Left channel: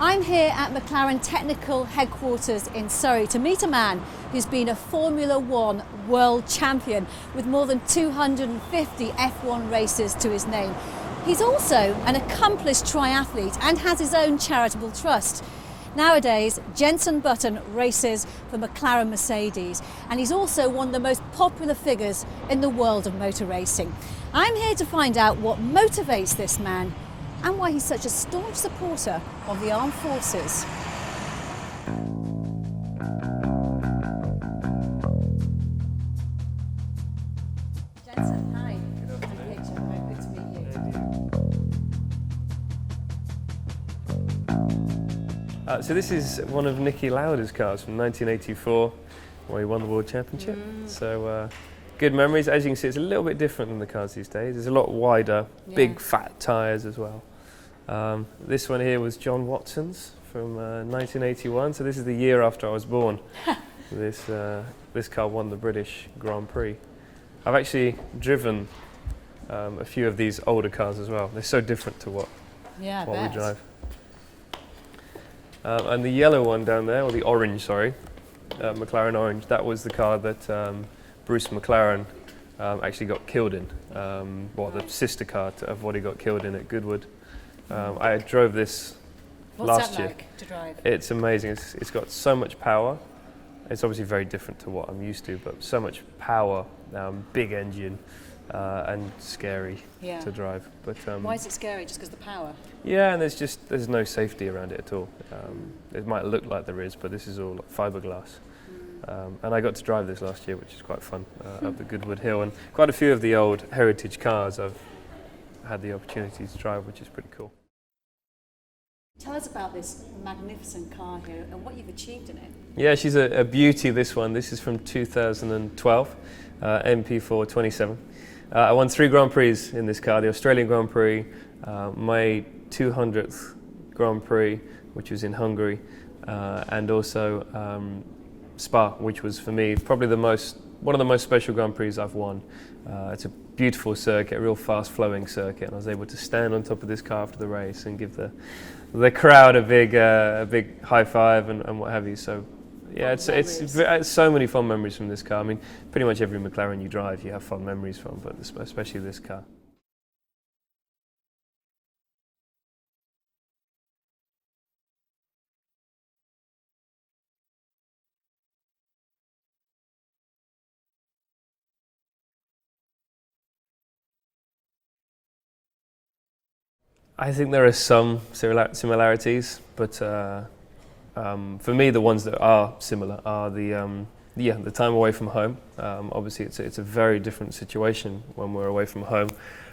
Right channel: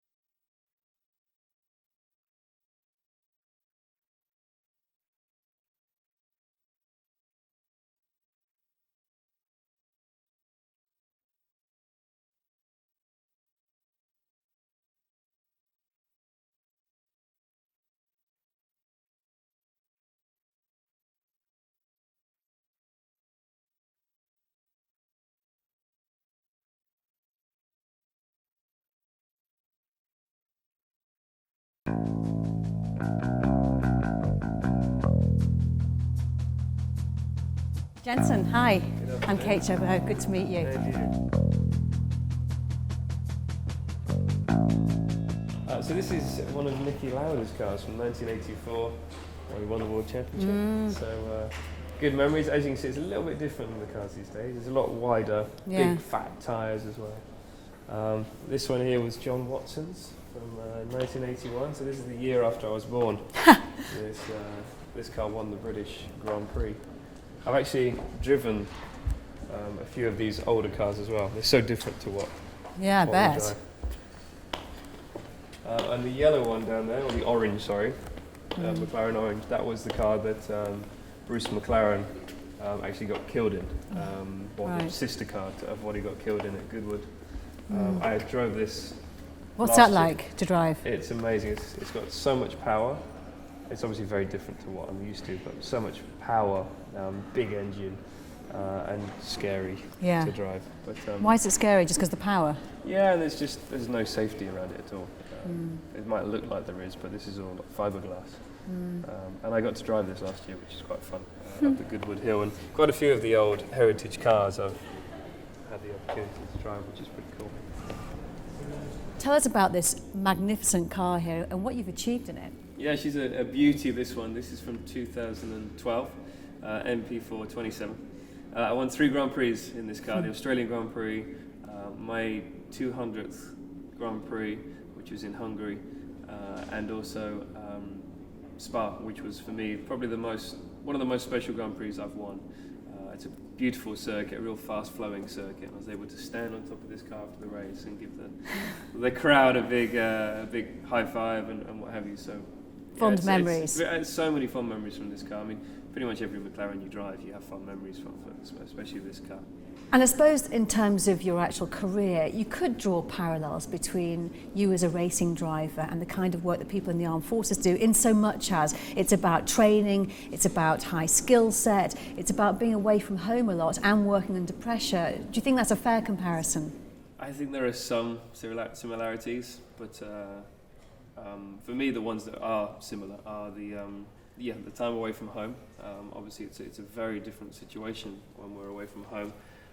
I'm here at McLaren Technical Headquarters in Surrey to meet a man who's been a Formula One world champion with more than 250 F1 races to his name. He's also an accomplished triathlete and has his own charitable trust. Nowadays, Jenson races for McLaren Mercedes, and he's also one of the most popular figures in the world of motor racing. I'm here to find out what motivates this man and why he's such a staunch supporter of the armed forces. Jenson, hi. I'm Kate Chobo. Good to meet you. So this is one of Niki Lauda's cars from 1984, where he won the World Championship. So good memories. As you can see, it's a little bit different than the cars these days. It's a lot wider, big fat tyres as well. This one here was John Watson's from 1981, so this is the year after I was born. This car won the British Grand Prix. I've actually driven a few of these older cars as well. They're so different to what we drive. And the yellow one down there, or the orange, sorry, McLaren Orange, that was the car that Bruce McLaren actually got killed in, the sister car of what he got killed in at Goodwood. I drove this What's that like to drive? It's amazing. It's got so much power. It's obviously very different to what I'm used to, but so much power, big engine, and scary to drive. But why is it scary? Just because of the power? Yeah, and there's no safety around it at all. It might look like there is, but this is all fiberglass. And I got to drive this last year, which is quite fun, up the Goodwood Hill. And quite a few of the old heritage cars I've had the opportunity to drive, which is pretty cool. Tell us about this magnificent car here and what you've achieved in it. Yeah, she's a beauty, this one. This is from 2012, MP427. I won 3 Grand Prix in this car, the Australian Grand Prix, my 200th Grand Prix, which was in Hungary, and also Spa, which was for me probably one of the most special Grand Prix I've won. It's a beautiful circuit, a real fast-flowing circuit, and I was able to stand on top of this car after the race and give the crowd a big high five and what have you. So, yeah, it's so many fond memories from this car. I mean, pretty much every McLaren you drive, you have fond memories from, but especially this car. And I suppose in terms of your actual career, you could draw parallels between you as a racing driver and the kind of work that people in the armed forces do, in so much as it's about training, it's about high skill set, it's about being away from home a lot and working under pressure. Do you think that's a fair comparison? I think there are some similarities, but for me, the ones that are similar are the time away from home. Obviously, it's a very different situation when we're away from home.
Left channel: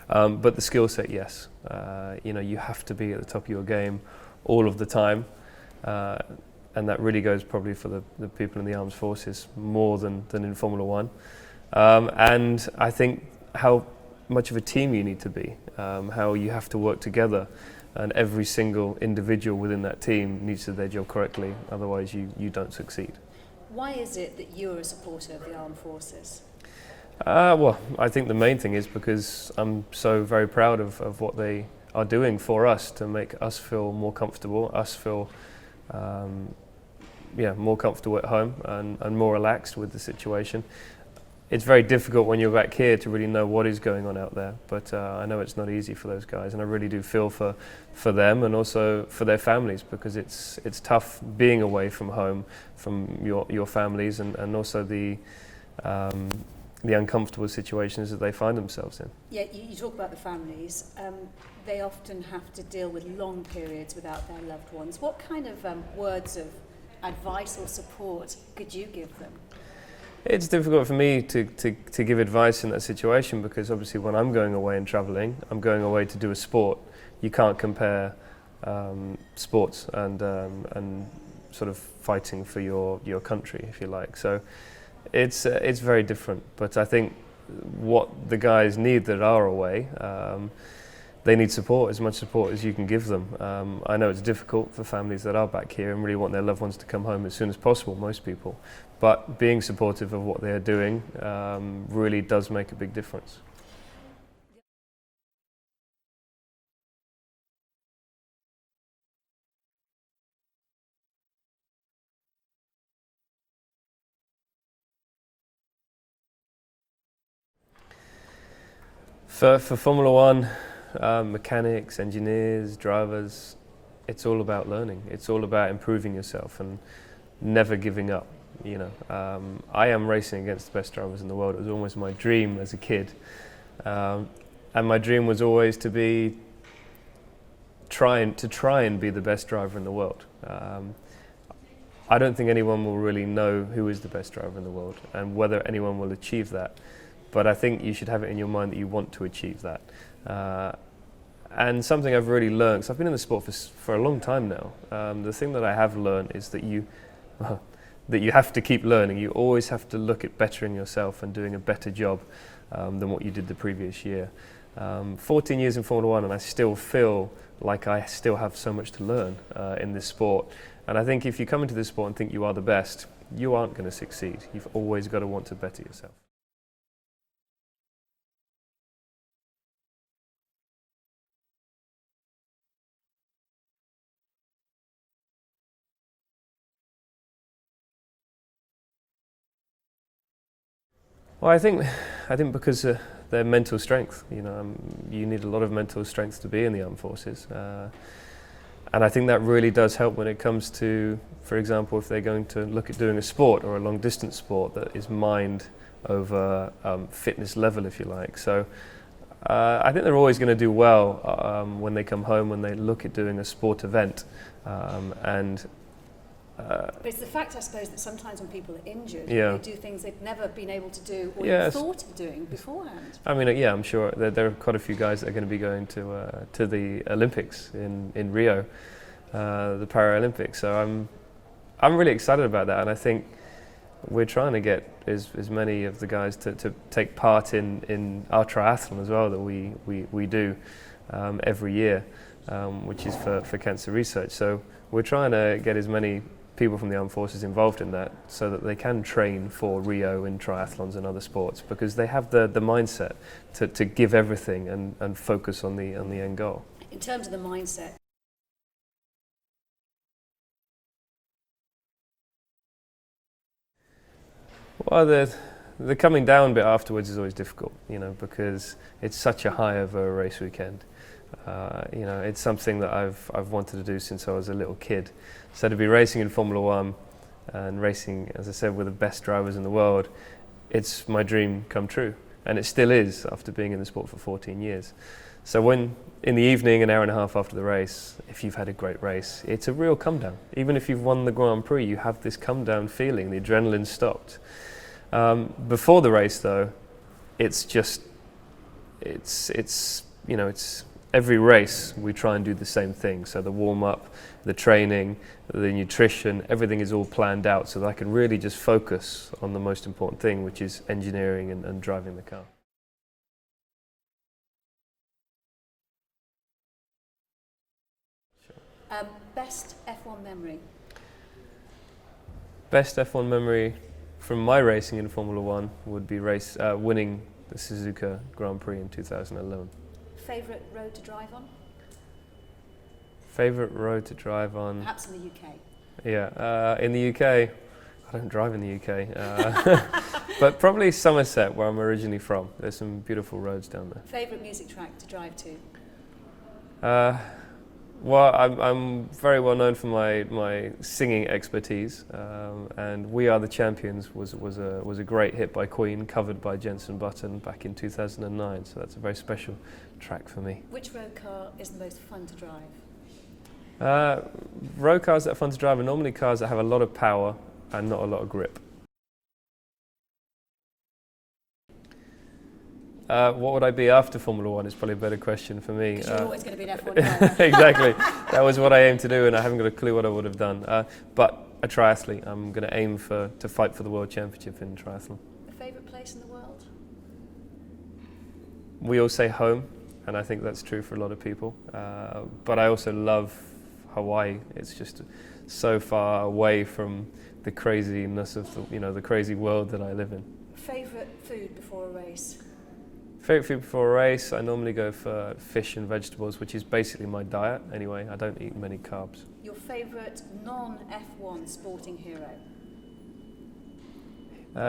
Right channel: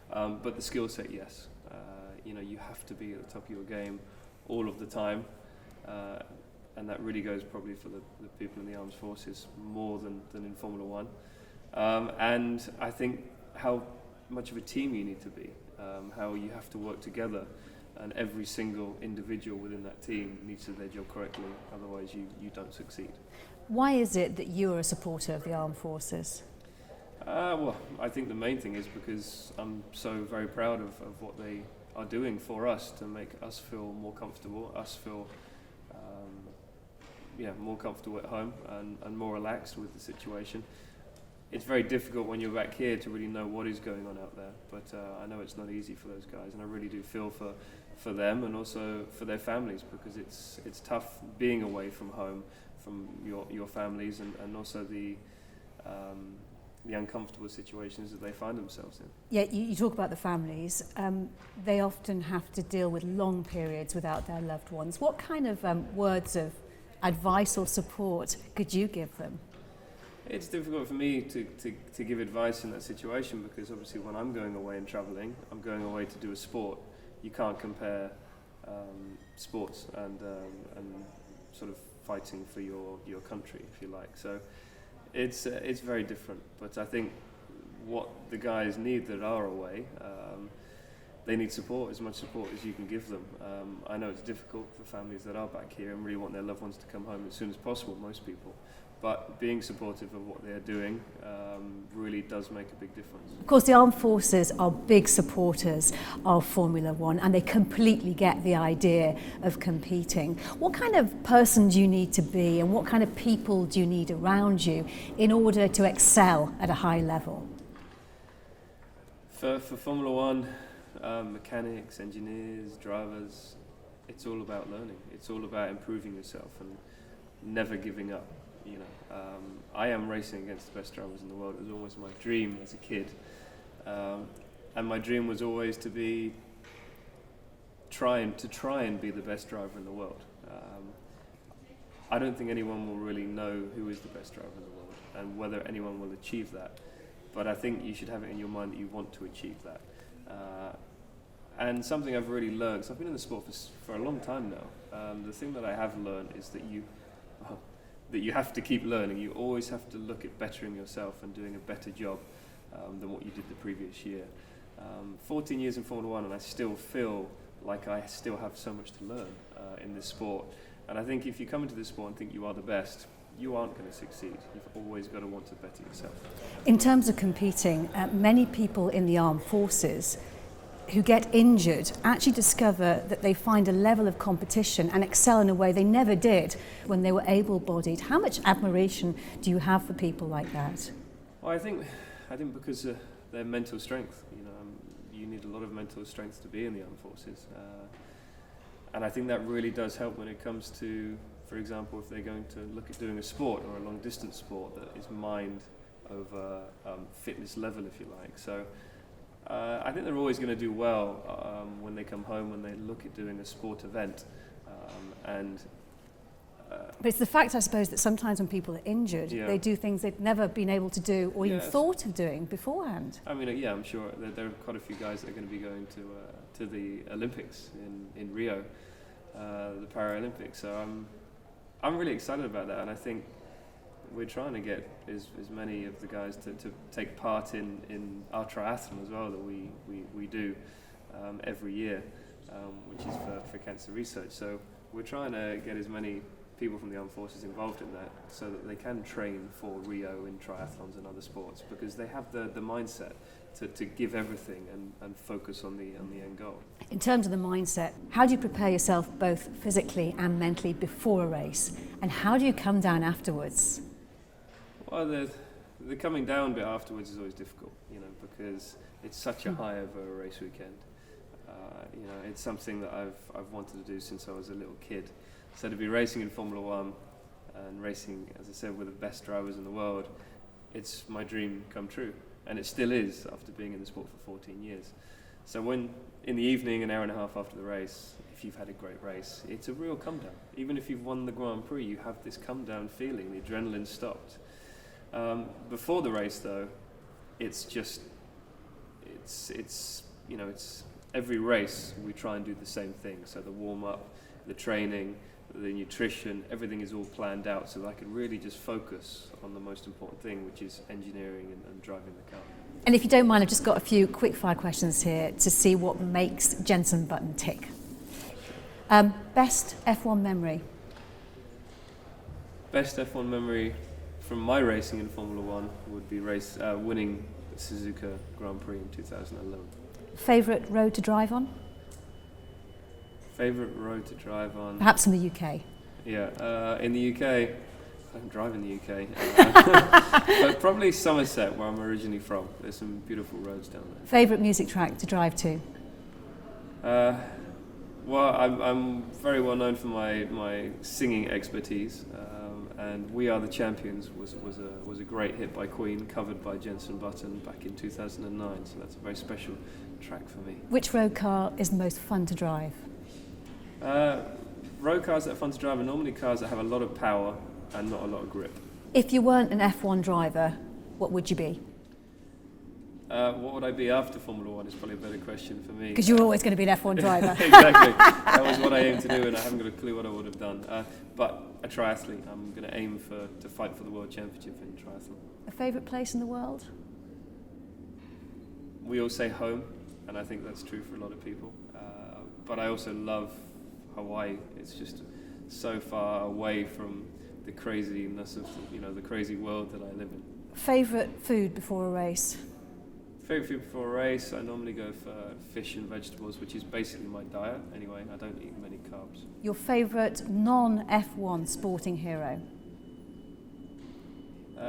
But the skill set, yes. You have to be at the top of your game all of the time. And that really goes probably for the people in the armed forces more than in Formula One. And I think how much of a team you need to be, how you have to work together. And every single individual within that team needs to do their job correctly, otherwise you don't succeed. Why is it that you're a supporter of the armed forces? Well, I think the main thing is because I'm so very proud of what they are doing for us to make us feel more comfortable, us feel more comfortable at home and more relaxed with the situation. It's very difficult when you're back here to really know what is going on out there, but I know it's not easy for those guys, and I really do feel for them and also for their families, because it's tough being away from home, from your families, and also the uncomfortable situations that they find themselves in. Yeah, you talk about the families. They often have to deal with long periods without their loved ones. What kind of words of advice or support could you give them? It's difficult for me to give advice in that situation, because obviously when I'm going away and travelling, I'm going away to do a sport. You can't compare sports and sort of fighting for your country, if you like. So it's very different. But I think what the guys need that are away they need support, as much support as you can give them. I know it's difficult for families that are back here and really want their loved ones to come home as soon as possible, most people. But being supportive of what they're doing really does make a big difference. Of course, the armed forces are big supporters of Formula One, and they completely get the idea of competing. What kind of person do you need to be, and what kind of people do you need around you in order to excel at a high level? For Formula One, mechanics, engineers, drivers, it's all about learning. It's all about improving yourself and never giving up. You know, I am racing against the best drivers in the world. It was almost my dream as a kid, and my dream was always to try and be the best driver in the world. I don't think anyone will really know who is the best driver in the world and whether anyone will achieve that. But I think you should have it in your mind that you want to achieve that. And something I've really learned, because I've been in the sport for a long time now, the thing that I have learned is that you have to keep learning. You always have to look at bettering yourself and doing a better job than what you did the previous year. 14 years in Formula One, and I still feel like I still have so much to learn in this sport. And I think if you come into this sport and think you are the best, you aren't going to succeed. You've always got to want to better yourself. In terms of competing, many people in the armed forces who get injured actually discover that they find a level of competition and excel in a way they never did when they were able-bodied. How much admiration do you have for people like that? Well, I think because their mental strength. You know, you need a lot of mental strength to be in the armed forces, and I think that really does help when it comes to, for example, if they're going to look at doing a sport or a long-distance sport that is mind over fitness level, if you like. So. I think they're always going to do well when they come home, when they look at doing a sport event. But it's the fact, I suppose, that sometimes when people are injured, they do things they've never been able to do or even thought of doing beforehand. I mean, I'm sure there are quite a few guys that are going to be going to the Olympics in Rio, the Paralympics. So I'm really excited about that, and I think we're trying to get as many of the guys to take part in our triathlon as well that we do every year, which is for cancer research. So we're trying to get as many people from the armed forces involved in that so that they can train for Rio in triathlons and other sports, because they have the mindset to give everything and focus on the end goal. In terms of the mindset, how do you prepare yourself both physically and mentally before a race, and how do you come down afterwards? Well, the coming down bit afterwards is always difficult, because it's such a high over a race weekend. It's something that I've wanted to do since I was a little kid. So to be racing in Formula One and racing, as I said, with the best drivers in the world, it's my dream come true. And it still is after being in the sport for 14 years. So when in the evening, an hour and a half after the race, if you've had a great race, it's a real come down. Even if you've won the Grand Prix, you have this come down feeling, the adrenaline stopped. Before the race, though, it's every race we try and do the same thing. So the warm up, the training, the nutrition, everything is all planned out so that I can really just focus on the most important thing, which is engineering and driving the car. And if you don't mind, I've just got a few quick fire questions here to see what makes Jenson Button tick. Best F1 memory? Best F1 memory from my racing in Formula One would be winning the Suzuka Grand Prix in 2011. Favourite road to drive on? Favourite road to drive on? Perhaps in the UK. Yeah, in the UK, I don't drive in the UK, but probably Somerset, where I'm originally from. There's some beautiful roads down there. Favourite music track to drive to? Well, I'm very well known for my singing expertise, and "We Are the Champions" was a great hit by Queen, covered by Jenson Button back in 2009. So that's a very special track for me. Which road car is the most fun to drive? Road cars that are fun to drive are normally cars that have a lot of power and not a lot of grip. If you weren't an F1 driver, what would you be? What would I be after Formula One is probably a better question for me. Because you're always going to be an F1 driver. Exactly. That was what I aimed to do, and I haven't got a clue what I would have done. But a triathlete. I'm going to aim to fight for the World Championship in triathlon. A favourite place in the world? We all say home, and I think that's true for a lot of people. But I also love Hawaii. It's just so far away from the craziness of the crazy world that I live in. Favourite food before a race? Favourite food before a race, I normally go for fish and vegetables, which is basically my diet anyway. I don't eat many carbs. Your favourite non-F1 sporting hero?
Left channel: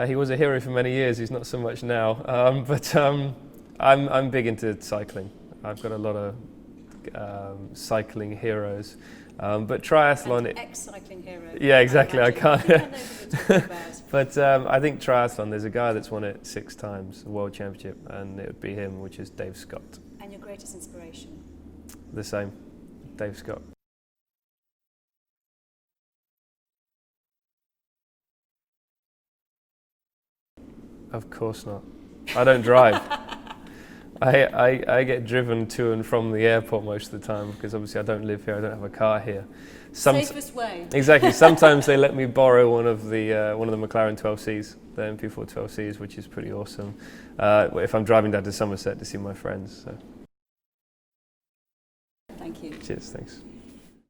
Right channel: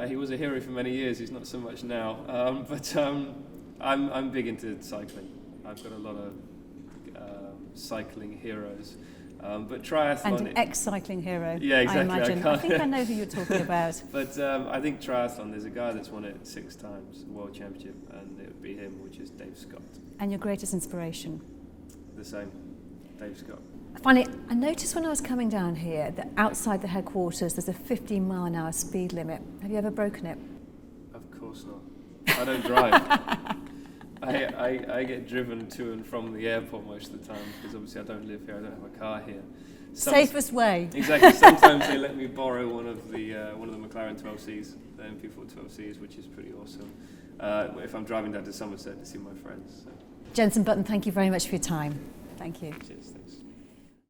He was a hero for many years. He's not so much now. But I'm big into cycling. I've got a lot of cycling heroes. But triathlon... And an ex-cycling hero. Yeah, exactly. I think I know who you're talking about. But I think triathlon, there's a guy that's won it 6 times, the World Championship, and it would be him, which is Dave Scott. And your greatest inspiration? The same, Dave Scott. Finally, I noticed when I was coming down here that outside the headquarters there's a 15-mile-an-hour speed limit. Have you ever broken it? Of course not. I don't drive. I get driven to and from the airport most of the time because obviously I don't live here, I don't have a car here. Safest way. Exactly. Sometimes they let me borrow one of the McLaren 12Cs, the MP427s, which is pretty awesome, if I'm driving down to Somerset to see my friends. So. Jenson Button, thank you very much for your time. Thank you. Cheers, thanks.